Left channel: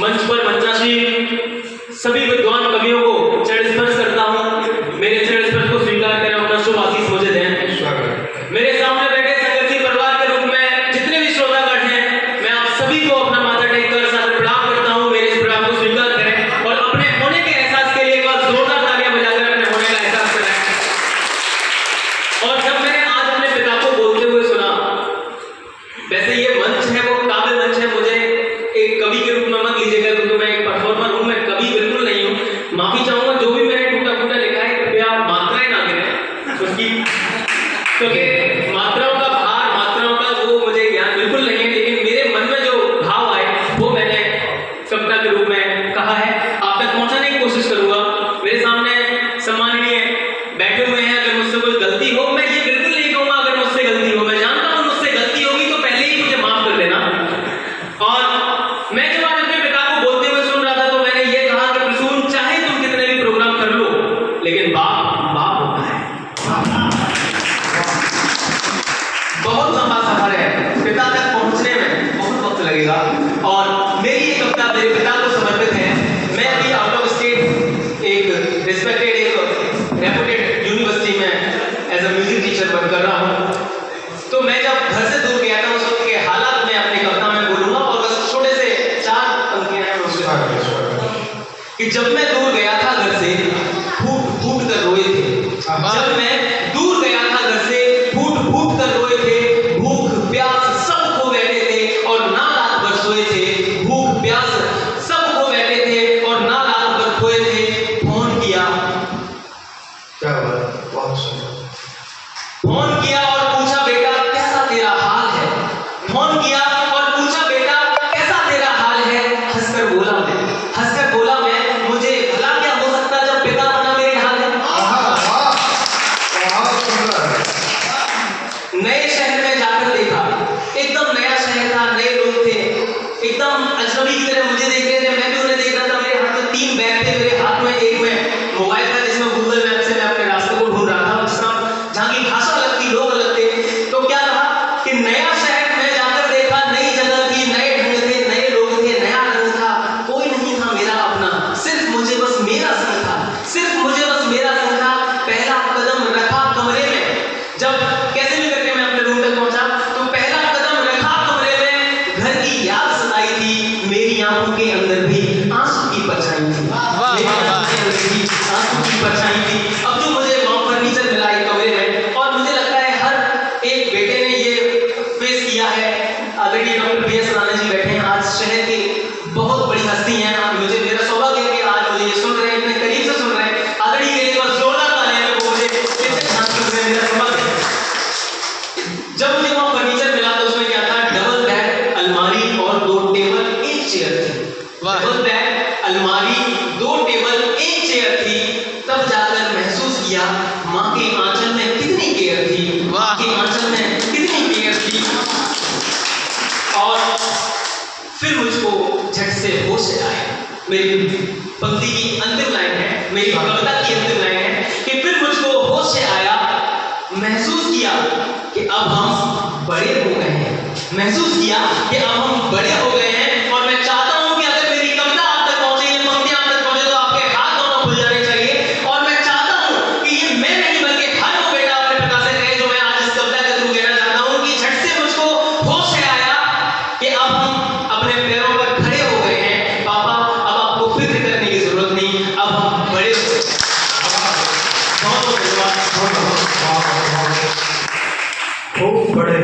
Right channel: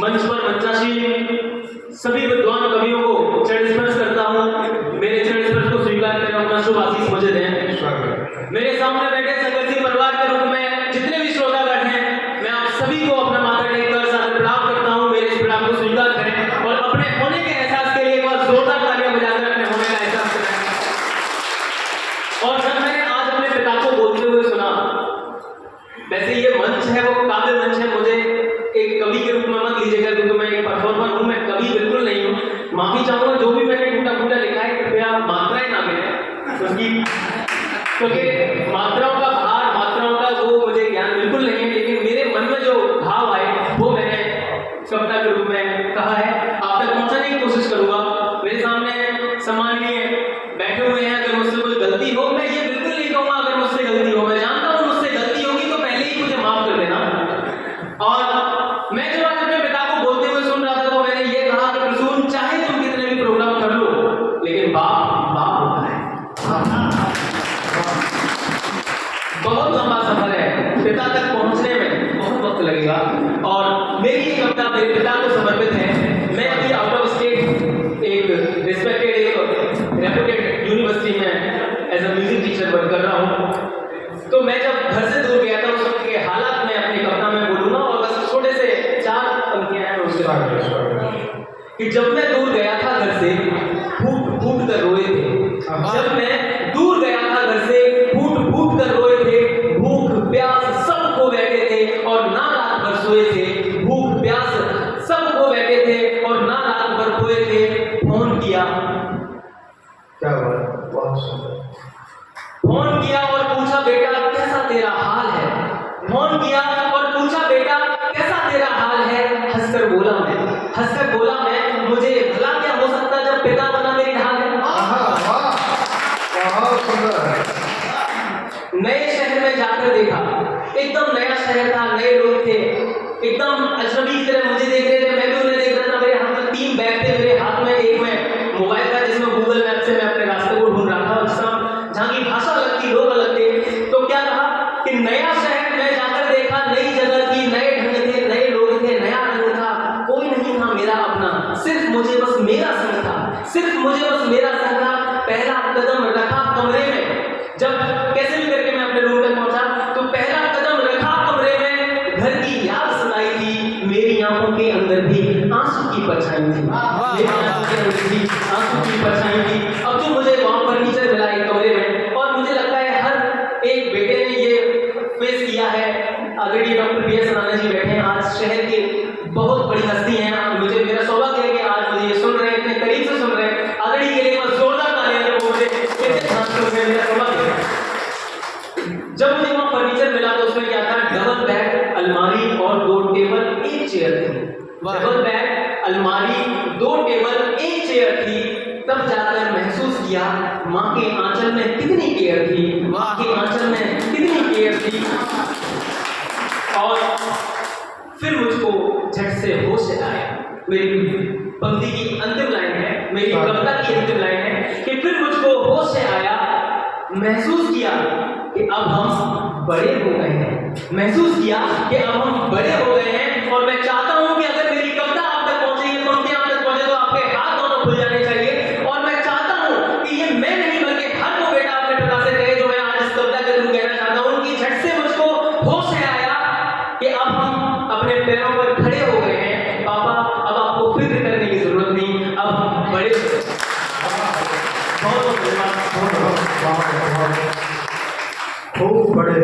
मंच पर मंचासीन सभी विद्वान कवियों को चरण स्पर्श करता हूँ। मेरे चरण स्पर्श को स्वीकार करें, अपना शुभ आशीष मुझे दें। मेरे सामने बैठे संघर्षी परिवार के रूप में जितने भी श्रोतागण हैं, मैं आप सभी को अपना माथा टेक कर सादर प्रणाम करता हूँ। मेरे इस प्रणाम को स्वीकार करें और अपने होने के एहसास के लिए एक बार जोरदार तालियां बजाकर अपने होने का एहसास कराएं। और जब मैंने आज अपने पिता को बोलते हुए सुना, वैसे ये मंच है वो काव्य मंच है, मुझे एक कवि के रूप में मत लीजिएगा क्योंकि मैं एक परफॉर्मर हूँ, मैं कवि बिल्कुल नहीं हूँ। माफी चाहूंगा जो भी मैंने टूटा फूटा लिखा है, कृपया मात्राएं ना गिने क्योंकि मात्राओं का भार, मात्राओं का वो मुझे ज्ञान बिल्कुल नहीं है, लेकिन मेरे मन में जो भाव आए वो मैंने कविता के रूप में कहा है, आप तक पहुंचाने की कोशिश करूंगा। मेरे सामने सम्माननीय बैठे हुए हैं, अगर मुझसे कोई गलती हो, मैं ये बिल्कुल नहीं कहूंगा अगर मुझसे गलती हो, मैं जानता हूं मुझसे गलती होगी तो पहले ही मुझे माफ कर देना। और मैं जब आज अपने पिता को बोलते हुए सुन रहा था तो मैंने ये कहा कि प्रसून, चाहे तुम कितने भी प्रोग्राम कर लो, लेकिन बाप बाप होता है। बहुत लंबा सफर है, पिता तक पहुंचने में बहुत वक्त लगेगा और मेरी ये कविता मेरे पिता को समर्पित है। मैं अभी आउट ऑफ स्टेट एक रिस्पेक्टेड रेपुटेड यूनिवर्सिटी में as a music teacher work कर रहा हूँ। तो मैं जब घर से दूर गया था उस वक्त के हालात में अपनी कविता में बोलूंगा और बस छोटे से 4 पंक्तियां हैं उसके कि जब मैं दूर गया था घर से फूट फूट कर रोए थे। जब मैं दूर गया था घर से फूट फूट कर रोए थे, भूख प्यास सब खो बैठे थे और ना रात भर सोए थे। भूख प्यास सब खो बैठे थे और ना रात भर सोए थे। फोन किया, क्या बात, बहुत सुंदर। फोन किया और पूछा बेटा कैसा तेरा हाल है। फोन किया और पूछा बेटा कैसा तेरा हाल है। हंसकर बोला मैं, मुझे भला क्या हो सकता जब पिता बना मेरे ढाल है। नए शहर में जाकर देखा, एकदम नया शहर था, नए लोग थे, एकदम अजनबी की तरह मुझे देख रहे थे, मैं भी उन्हें देख रहा था। मेरे हाथ में 3 बैग थे, मेरे हाथ में एक में मोबाइल था जिसमें गूगल मैप से मैं अपने रास्ते को ढूंढ रहा था, जहाँ की भाषा अलग थी, लोग अलग थे। तो क्या रहा कि नया शहर में जाकर देखा, नई जगह थी, नए ढंग थे, नए लोग थे, नया रंग था, कोई नहीं था मेरा अपना, सिर्फ मुझे बस मेरा संग था, सिर्फ मुझे बस मेरा संग था। पहला कदम रखा कमरे में, जब कैसे भी करके मैं अपने रूम तक पहुंचा तो पहला कदम रखा कमरे में, घर की याद सताई थी, मेरी आंखों के अंदर भी आंसू की परछाई थी, मेरी आंखों के अंदर भी आंसू की परछाई थी। अब जो मुझे वहां फर्नीचर मिला एक कमरे में, और मुझे लगता है हर एक बेटे ने ये फेस किया है। अगर ये डॉक्टर BS राणा जी बैठे हैं, आज शहर के बहुत बड़ी हस्ती हैं, मुझे मेरा सौभाग्य है कि आज मुझे ये सुन रहे हैं, इतने करीब से सुन रहे हैं। अगर ये के लिए बस जोरदार तालियां दो, मुझे मेरा सौभाग्य है। जब मुझे वहां फर्नीचर मिला तो उसमें क्या था, डबल बेड, अलमारी और 2 टेबल 1 चेयर थी। डबल बेड, अलमारी, 2 टेबल 1 चेयर थी। तब जाकर महसूस किया माँ के आंचल में कितनी केयर थी, माँ के आंचल में कितनी केयर थी। और फिर मुझको झट से होश आया। मेरी पंक्ति की अंतिम लाइन है, मेरी कविता की अंतिम लाइन है कि फिर मुझको होश आया, महसूस किया कि अब हम बड़े हो गए हैं, महसूस किया कि अब हम बड़े हो गए हैं। और मैं चाहता हूं कि अगर मेरी कविता आप तक पहुंचे, ये पंक्ति आप तक पहुंचे तो आपके हाथ दोनों खुल जाने चाहिए। और मैं चाहता हूं कि ये मैं नहीं बल्कि हर वो बेटा अपने पिता से कहे जो मैं आज इस कविता के थ्रू कहना चाहता हूं कि झट से मुझको होश आया कि अब हम अपने पैरों पर खड़े हो गए हैं। पापा, अब आपको फिक्र करने की जरूरत नहीं, अब हम बड़े हो गए। खूब बड़े